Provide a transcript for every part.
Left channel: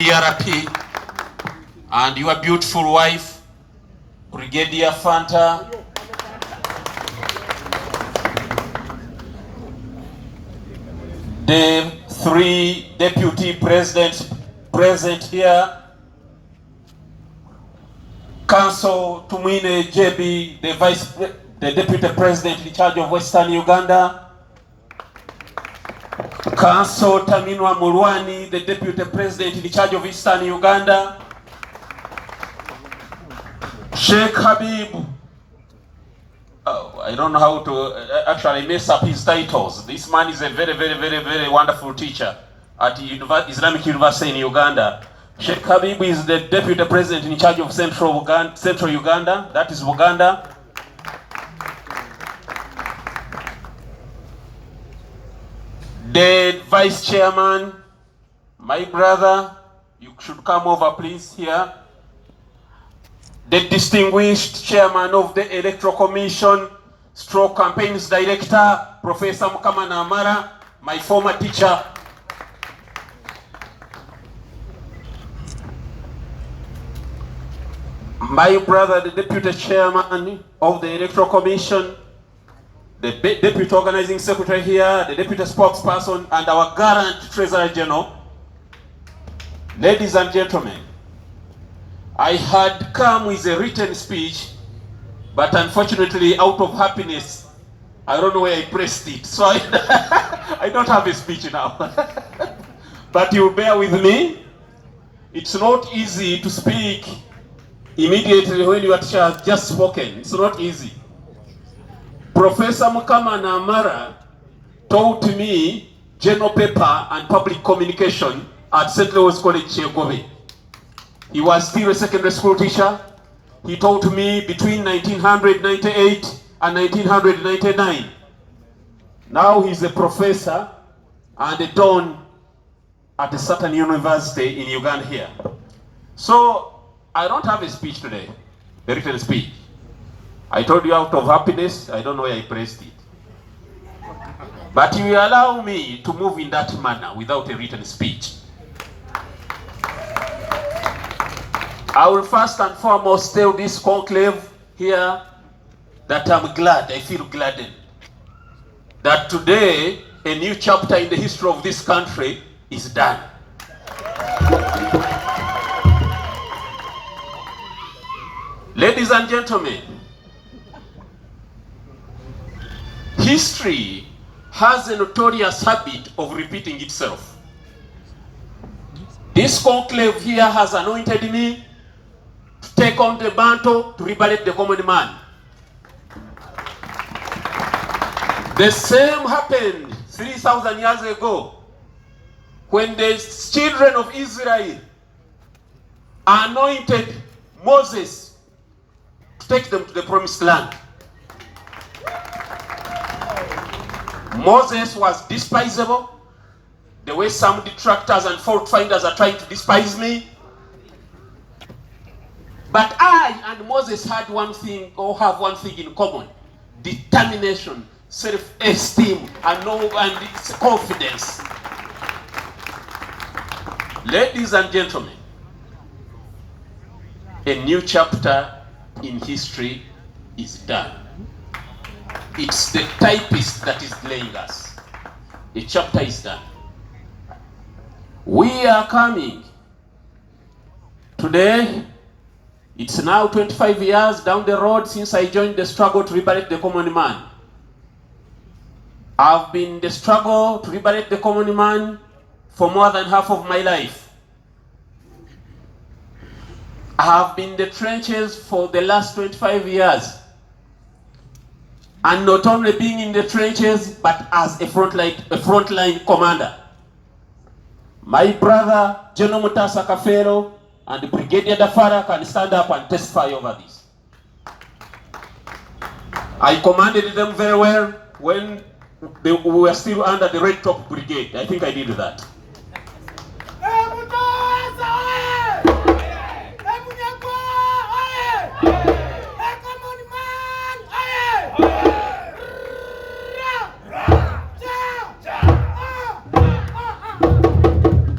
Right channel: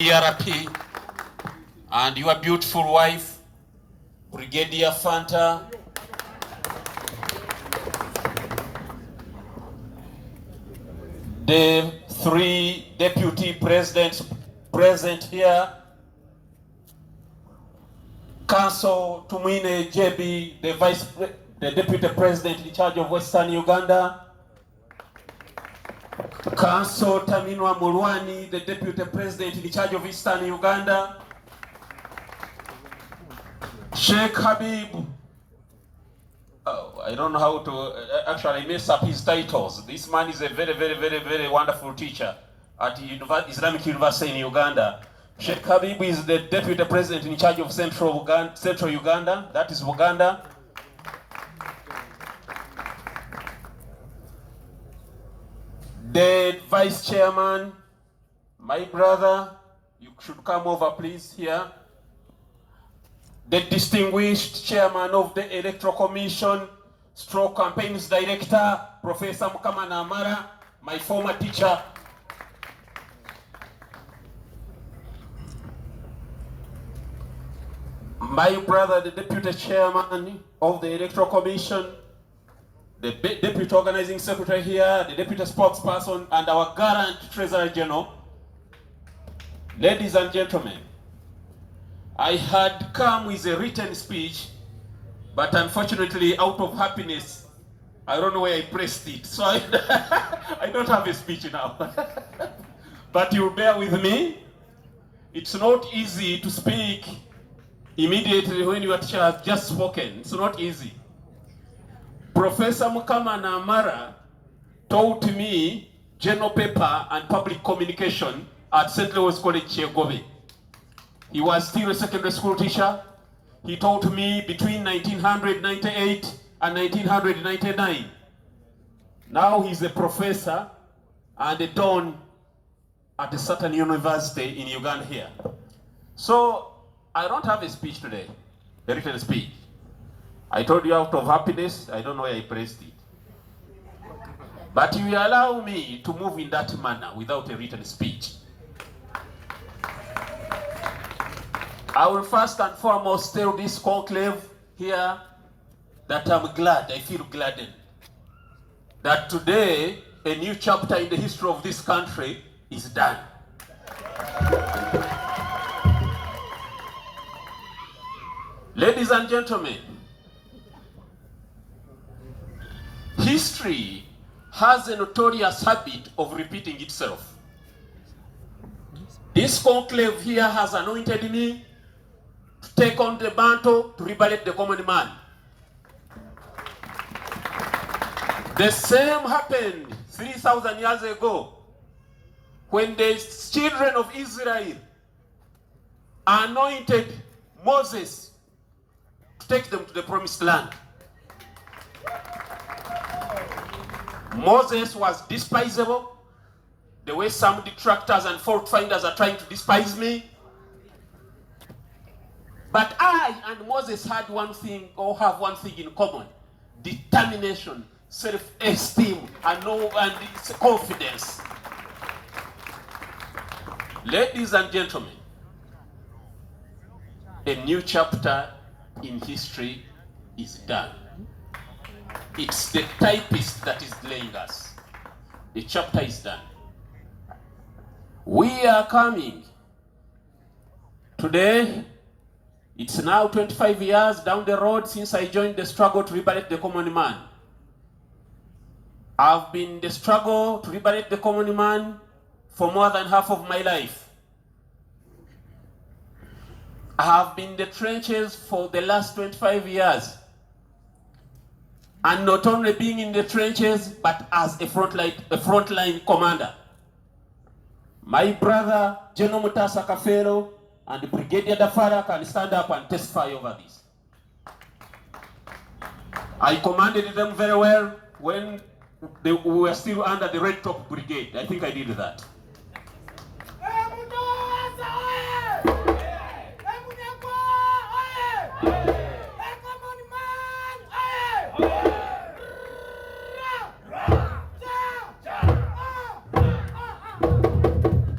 ERP and your beautiful wife, Brigadier Fanta, the three deputy presidents present here, Council Tumwine JB, the deputy president in charge of Western Uganda, Council Taminwa Mulwani, the deputy president in charge of Eastern Uganda, Sheikh Habib, I don't know how to actually mess up his titles. This man is a very wonderful teacher at Islamic University in Uganda. Sheikh Habib is the deputy president in charge of Central Uganda, that is Uganda. The vice chairman, my brother, you should come over please here. The distinguished chairman of the Electoral Commission, Stroke Campaigns Director, Professor Mukamana Amara, my former teacher. My brother, the deputy chairman of the Electoral Commission, the deputy organizing secretary here, the deputy spokesperson, and our gallant treasurer general. Ladies and gentlemen, I had come with a written speech, but unfortunately, out of happiness, I don't know where I pressed it, so I don't have a speech now. But you bear with me. It's not easy to speak immediately when your teacher has just spoken. It's not easy. Professor Mukamana Amara taught me general paper and public communication at St. Louis College, Chegobe. He was still a secondary school teacher. He taught me between 1998 and 1999. Now he's a professor and a don at a certain university in Uganda here. So I don't have a speech today, a written speech. I told you out of happiness, I don't know where I pressed it. But you will allow me to move in that manner without a written speech. I will first and foremost tell this conclave here that I'm glad, I feel gladdened, that today a new chapter in the history of this country is done. Ladies and gentlemen, history has a notorious habit of repeating itself. This conclave here has anointed me to take on the mantle to liberate the common man. The same happened 3,000 years ago when the children of Israel anointed Moses to take them to the promised land. Moses was despisable, the way some detractors and fault finders are trying to despise me. But I and Moses had one thing, or have one thing in common: determination, self-esteem, and confidence. Ladies and gentlemen, a new chapter in history is done. It's the typist that is delaying us. A chapter is done. We are coming. Today, it's now 25 years down the road since I joined the struggle to liberate the common man. I've been in the struggle to liberate the common man for more than half of my life. I have been in the trenches for the last 25 years. And not only being in the trenches, but as a frontline commander. My brother, General Mutasa Kafero, and Brigadier Dafara can stand up and testify over this. I commanded them very well when we were still under the Red Top Brigade. I think I did that.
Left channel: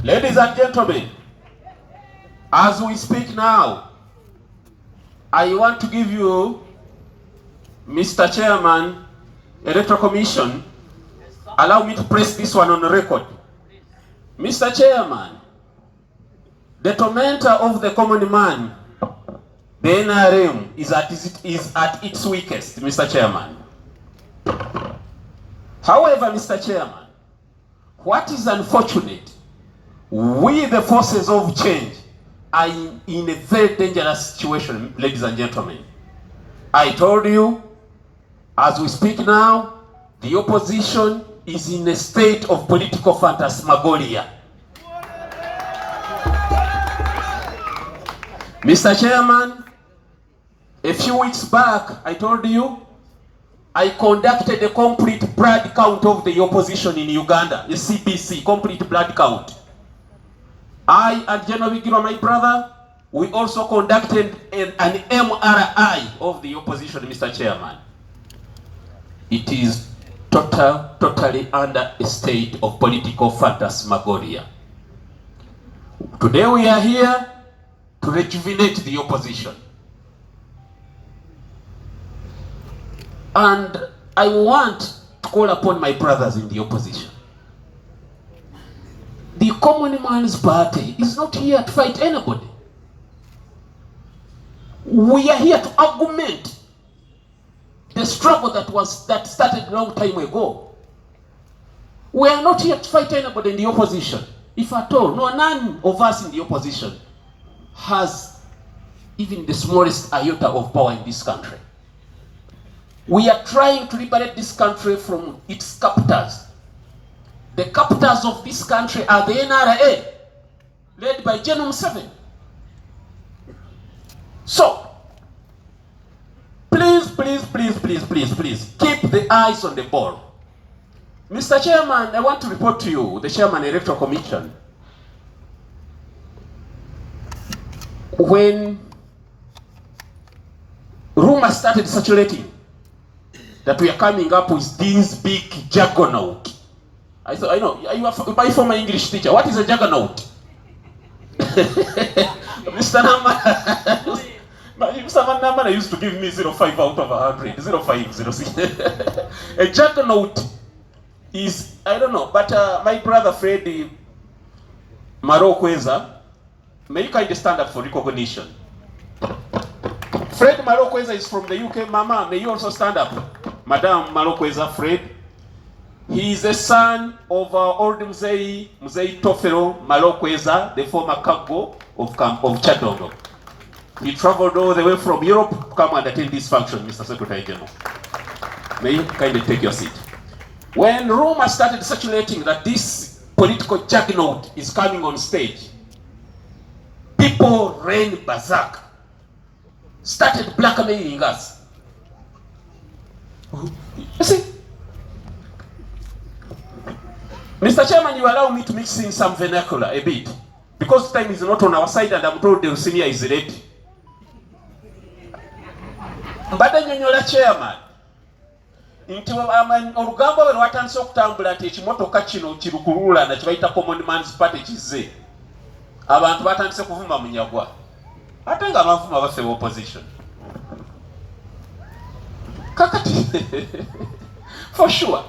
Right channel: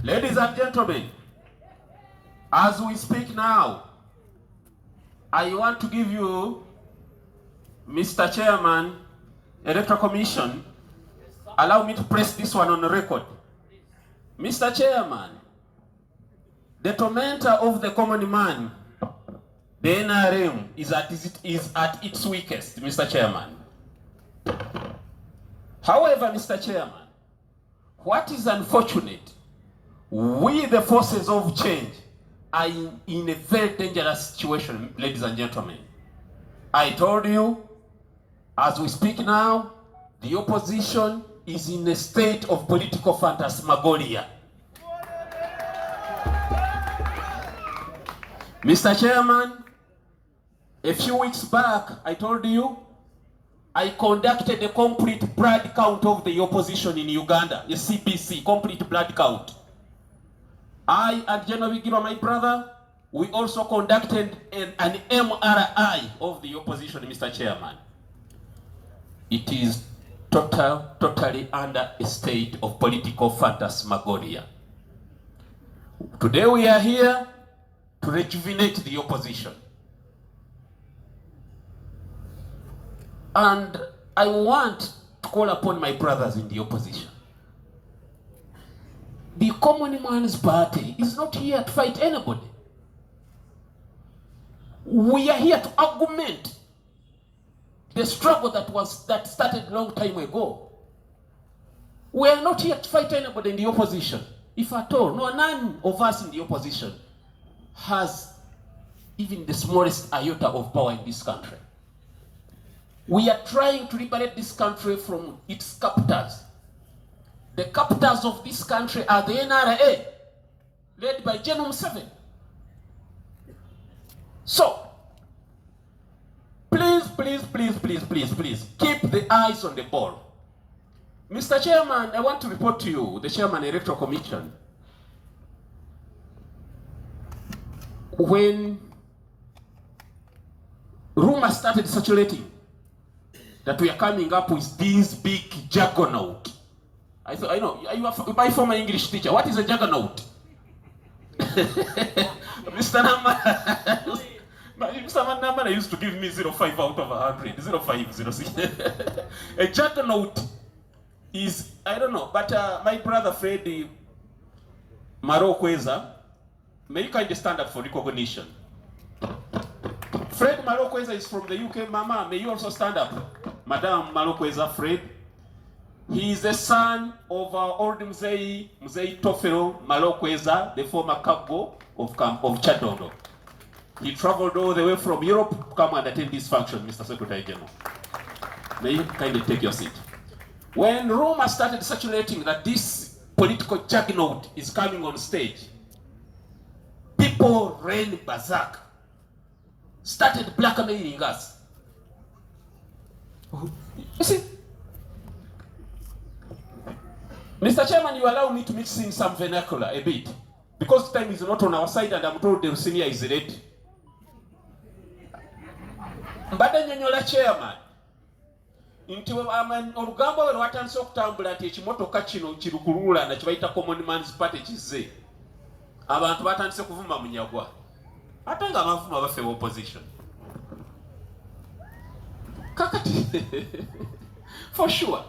Ladies and gentlemen, As we speak now, I want to give you, Mr. Chairman, Electoral Commission, allow me to press this one on the record. Mr. Chairman, the tormentor of the common man, the NRM, is at its weakest, Mr. Chairman. However, Mr. Chairman, what is unfortunate, we the forces of change are in a very dangerous situation, ladies and gentlemen. I told you, as we speak now, the opposition is in a state of political phantasmagoria. Mr. Chairman, a few weeks back, I told you, I conducted a complete blood count of the opposition in Uganda, a CBC, complete blood count. I and General Bigirwa, my brother, we also conducted an MRI of the opposition, Mr. Chairman. It is totally under a state of political phantasmagoria. Today we are here to rejuvenate the opposition. And I want to call upon my brothers in the opposition. The Common Man's Party is not here to fight anybody. We are here to augment the struggle that started a long time ago. We are not here to fight anybody in the opposition. If at all, none of us in the opposition has even the smallest iota of power in this country. We are trying to liberate this country from its captors. The captors of this country are the NRA, led by General Museveni. So, please, keep the eyes on the ball. Mr. Chairman, I want to report to you, the Chairman Electoral Commission, when rumors started circulating that we are coming up with this big juggernaut. I thought, I know, you are my former English teacher. What is a juggernaut? Mr. Namana used to give me 0.5 out of 100. 0.5, 0.6. A juggernaut is, I don't know, but my brother Fred Marokweza, may you kindly stand up for recognition. Fred Marokweza is from the UK. Mama, may you also stand up. Madam Marokweza Fred. He is the son of old Mzei Tofero Marokweza, the former cargo of Chadongo. He traveled all the way from Europe to come and attend this function, Mr. Secretary General. May you kindly take your seat. When rumors started circulating that this political juggernaut is coming on stage, people ran berserk, started blackmailing us. You see, Mr. Chairman, you allow me to mix in some vernacular a bit, because time is not on our side and I'm told the senior is ready. Mbadde nnyonnyola Chairman nti olugambo lwe lwatandise okutambula nti ekimotoka kino kirukulula na kibayita Common Man's Party kizze, abantu batandise kuvuma Munyagwa ate nga bavuma baffe opposition. Kakati for sure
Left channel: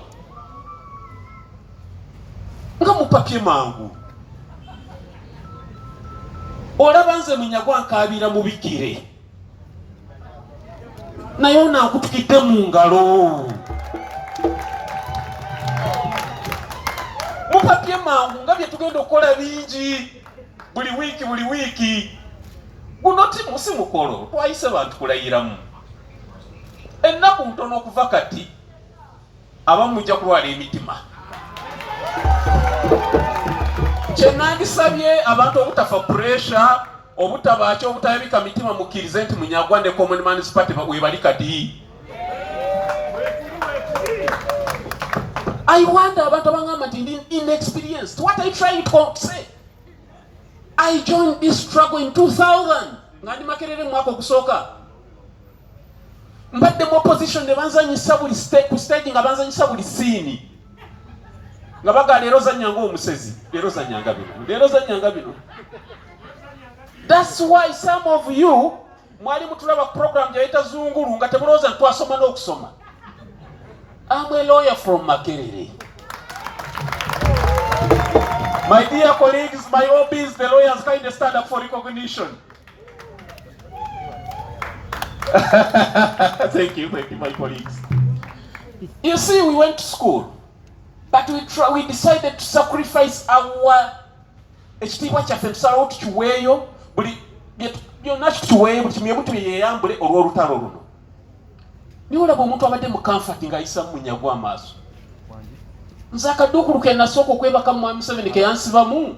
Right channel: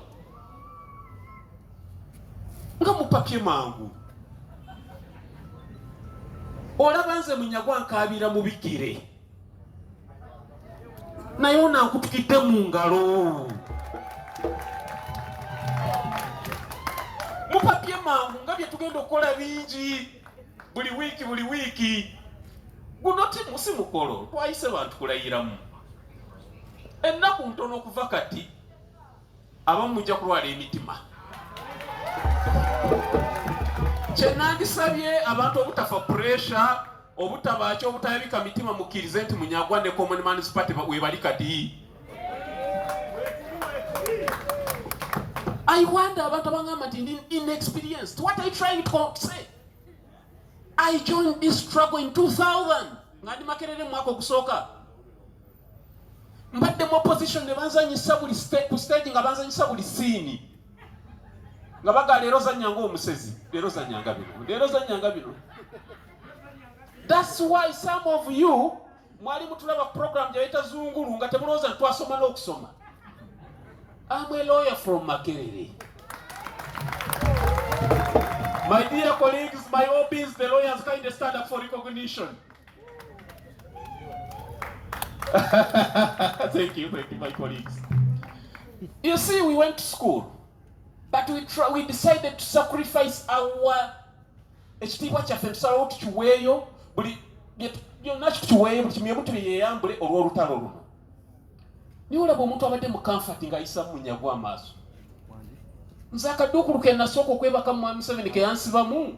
nga mupapye mangu olaba nze Munyagwa nkaabira mu bigire naye onaakutukidde mu ngalo. Mupapye mangu nga bye tugenda okukola bingi buli wiiki. Guno timu si mukolo twayise bantu kulayiramu. Ennaku ntono okuva kati abamu mujja kulwala emitima. Kye nandisabye abantu obutafa pressure, obutabaki obutabika mitima mukkirize nti Munyagwa ne Common Man's Party webali kati. I wonder abantu abangamba nti inexperienced. What I trying to say? I joined this struggle in 2000. Ngandi makerere mwako kusooka. Mbadde mu opposition ne banzanyisa buli stage nga banzanyisa buli scene. Nga baga leero zanyanga omusezi, leero zanyanga bino. That's why some of you mwali mutulaba program yaita zunguru nga temuloza twasoma n'okusoma. I'm a lawyer from Makerere. My dear colleagues, my hope is the lawyers kind of stand up for recognition. Thank you, my colleagues. You see, we went to school, but we decided to sacrifice our ekitiibwa kyaffe tusalawo tukiweeyo buli byonna kituweeyo buli kimwe butu yeyambule olw'olutalo luno. Niwe olaba omuntu abadde mu comfort ng'ayisa Munyagwa amaaso. Nze akaduukulu ke nasooka okwebaka mu Museveni ke yansibamu.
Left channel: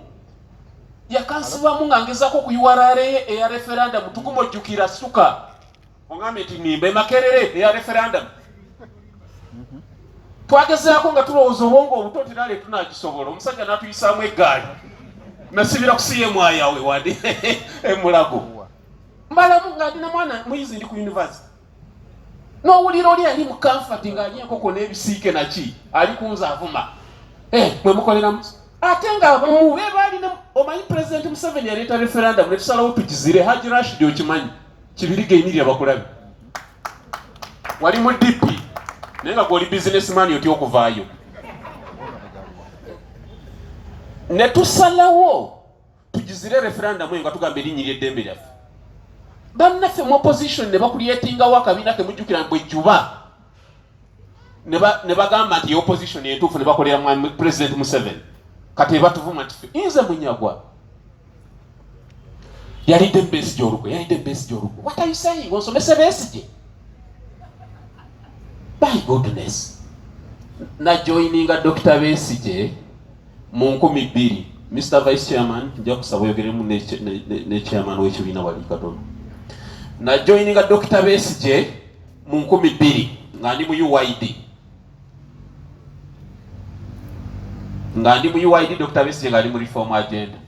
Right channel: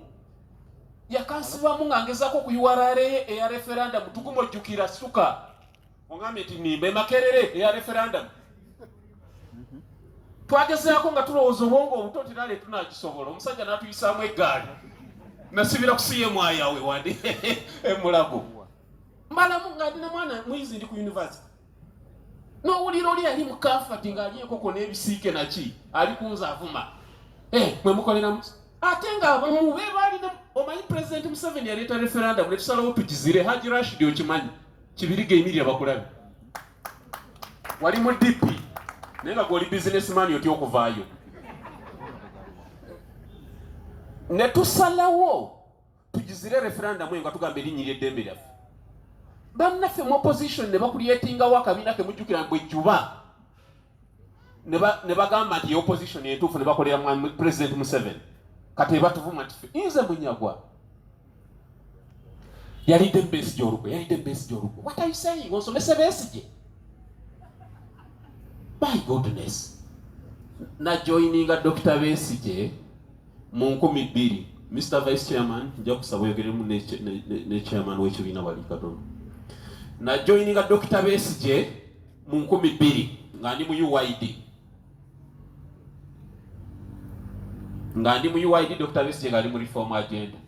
Yakansibamu nga ngezaako okuyuwala eya referendum tugumojjukira suka. Ongambye nti nimba Makerere eya referendum. Twagezaako nga tulowooza obwongo obuto tinale tunagisobola. Omusajja n'atuyisaamu eggaali. Nasibira kusiye mwayawe wadi emulago. Mbalamu nga ndina mwana muyizi ndi ku university. N'owulira oli ali mu comfort nga ali enkoko n'ebisiike naki ali kunza avuma. Mwe mukoleramu. Ate nga muwe baali ne omanyi President Museveni yaleeta referendum ne tusalawo tukizire. Haji Rashid okimanyi kibirige emirya bakulabi. Wali mu DP naye nga gw'oli businessman otya okuvaayo. Ne tusalawo tugizire referendum nga tugamba erinnya ery'eddembe lyaffe. Bannaffe mu opposition ne bakulyetingawo akabiina ke mujjukira bwe juba ne bagamba nti opposition entuufu ne bakolera mu President Museveni. Kati batuvuma nti nze Munyagwa yalidde Besigye olugwe. What are you saying? Onsomese Besigye? By goodness. Na joininga Dr. Besigye mu 2000. Mr. Vice Chairman, nja kusaba oyogeremu ne chairman w'ekibiina wali katono. Na joininga Dr. Besigye mu 2000 nga ndi mu UID. Dr. Besigye nga ali mu reform agenda.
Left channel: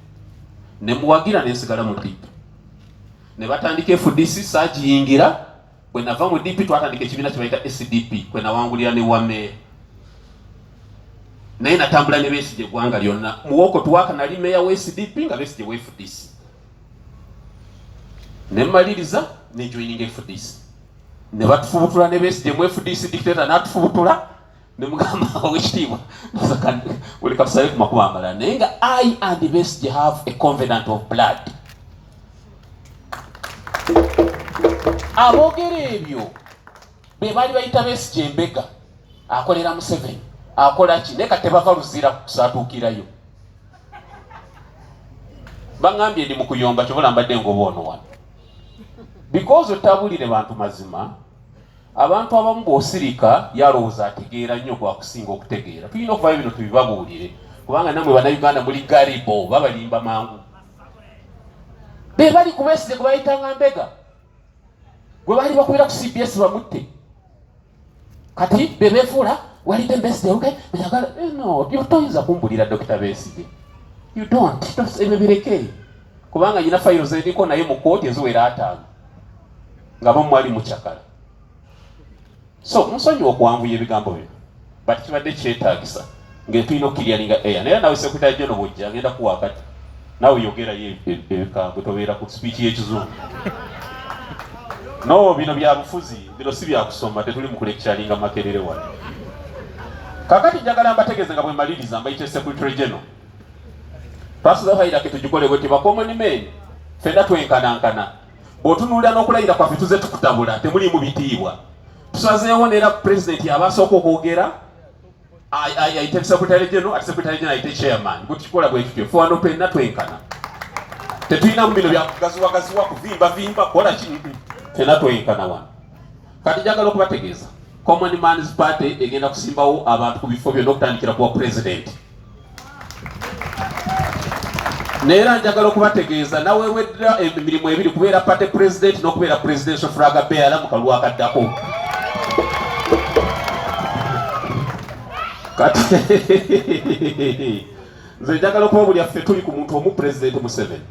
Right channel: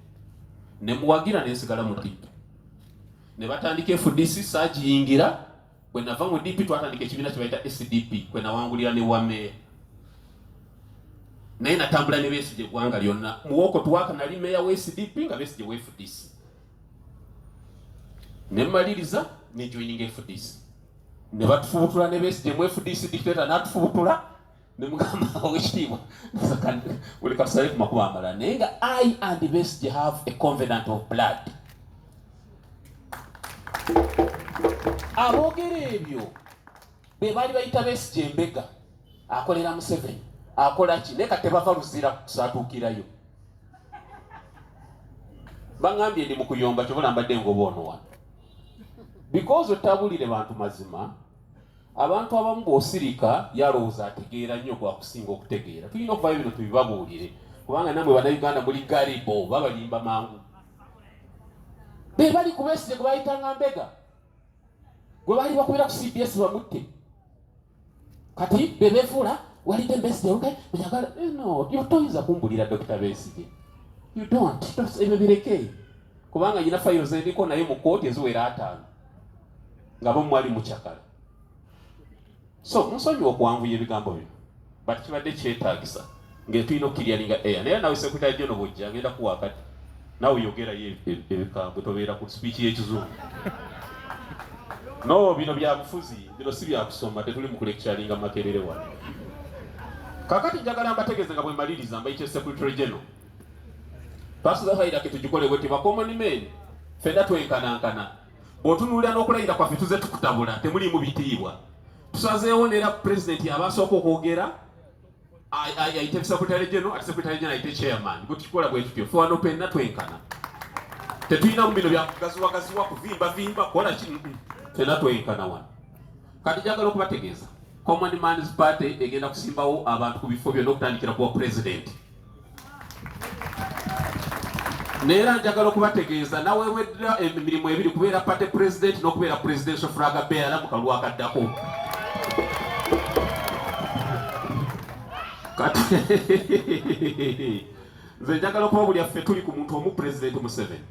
Ne muwagira ne nsigala mu DP. Ne batandika FDC saagiyingira. Bwe nava mu DP twatandika ekibiina kye bayita SDP kwe nawangulira ne wameeya. Naye natambula ne Besigye eggwanga lyonna. Muwoko tuwaka nali meeya wa SDP nga Besigye wa FDC. Ne mmaliriza ne joininga FDC. Ne batufubutula ne Besigye mu FDC dictator n'atufubutula ne mugamba w'ekitiibwa. Uli katusale ku makubo amalala. Naye nga I and Besigye have a covenant of blood. Aboogera ebyo be baali bayita Besigye embega akolera Museveni akola ki naye kati tebava luzira kusaatuukirayo. Bangambye ndi mu kuyomba kyobola mbadde ng'oboono wano. Because otabulire bantu mazima, abantu abamu bw'osirika yalowooza ategeera nnyo gwakusinga okutegeera. Tulina okuvaayo bino tubibabuulire kubanga nammwe bannayuganda muli galibo babalimba mangu. Be bali ku Besigye gwe bayitanga mbega gwe baali bakubira ku CBS bamutte. Kati be beefuula walidde Besigye okay? No, you toyinza kumbulira Dr. Besigye. You don't. Ebyo bireke. Kubanga nyina files eriko naye mu kooti eziwera 5. Nga bo mwali mukyakala. So, nsonyiwa okuwanvuya ebigambo bino. But kibadde kyetaagisa. Ng'etulina okukiryalinga air. Naye nawe Secretary General bw'ojja agenda kuwa kati. Nawe yogerayo ebigambo tobeera ku speech y'Ekizungu. No, bino bya bufuzi, bino si bya kusoma, tetuli mu kulecturinga Makerere wano. Kakati njagala mbategeeze nga bwe maliriza mbayite Secretary General. Twasuza hayira ke tugikole bwe tiba common men. Fenda twenkanankana. Bw'otunuulira n'okulayira kwaffe tuze tukutabula, temuli mu bitiibwa. Tusazeewo n'era President abasooka okwogera ayite Secretary General, ate Secretary General ayite Chairman. Bwe tukikola bwe tutyo, ffe wano twenna twenkana. Tetulina mu bino bya kugaziwagaziwa kuvimba kola ki fena twenkana wano. Kati njagala okubategeeza Common Man's Party egenda kusimbawo abantu ku bifo byonna okutandikira kuwa President. Neera njagala okubategeeza nawe weddira emirimu ebiri kubeera Party President n'okubeera Presidential Flag Bearer mu kalulu akaddako. Kati nze njagala okuba buli affe tuli ku muntu omu President Museveni.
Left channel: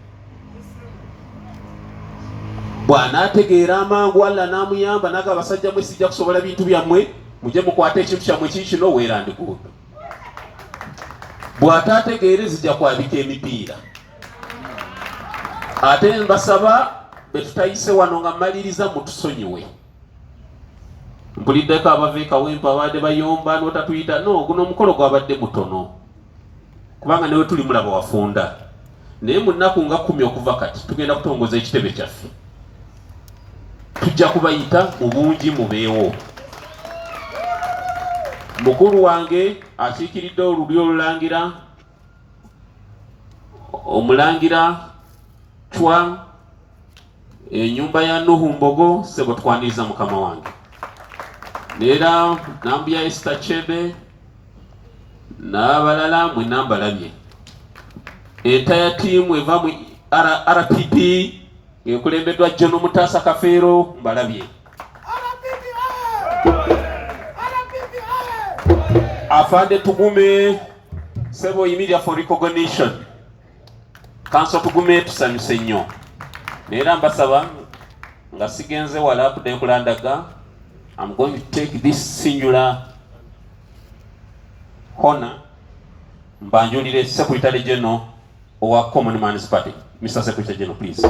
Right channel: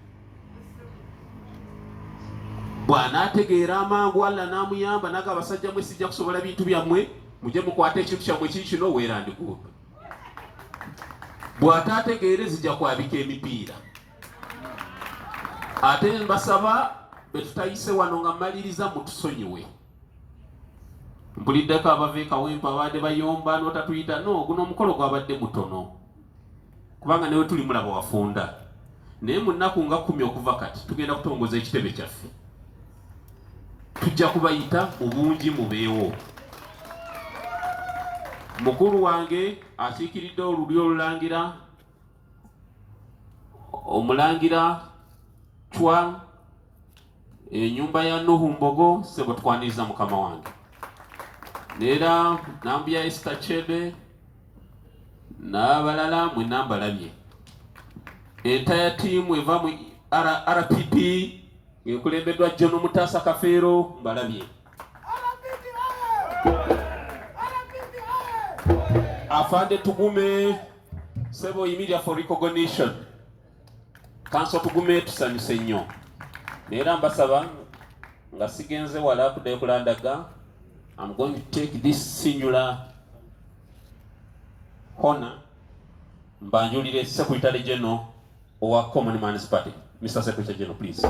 Bw'anaategeera amangu Allah n'amuyamba naga abasajja mwe sijja kusobola bintu byammwe mujje mukwate ekintu kyammwe kino weerandi kuuto. Bw'ataategeere zijja kwabika emipiira. ate mbasaba betutayise wano nga maliriza mutusonyiwe. Mpuliddeko abaveeka wempa abadde bayomba n'otatuyita no guno omukolo gwabadde mutono kubanga newe tuli mulaba wafunda naye mu nnaku nga 10 okuva kati tugenda kutongoza ekitebe kyaffe tujja kubayita mu bungi mubeewo. Mukulu wange akiikiridde olulyo olulangira omulangira Chwa ennyumba ya Nuhu Mbogo sebo tukwaniriza mukama wange. Nera nambya Esther Chebe n'abalala mwe nambalabye. Entire team eva mu RPP ekulembeddwa John Mutasa Kafeero mbalabye. Afande Tugume sebo immediate for recognition. Council Tugume tusanyuse nnyo. Nera mbasaba nga sigenze wala kudde kulandaga. I'm going to take this singular honor mbanjulire Secretary General of our Common Man's Party. Mr. Secretary General, please.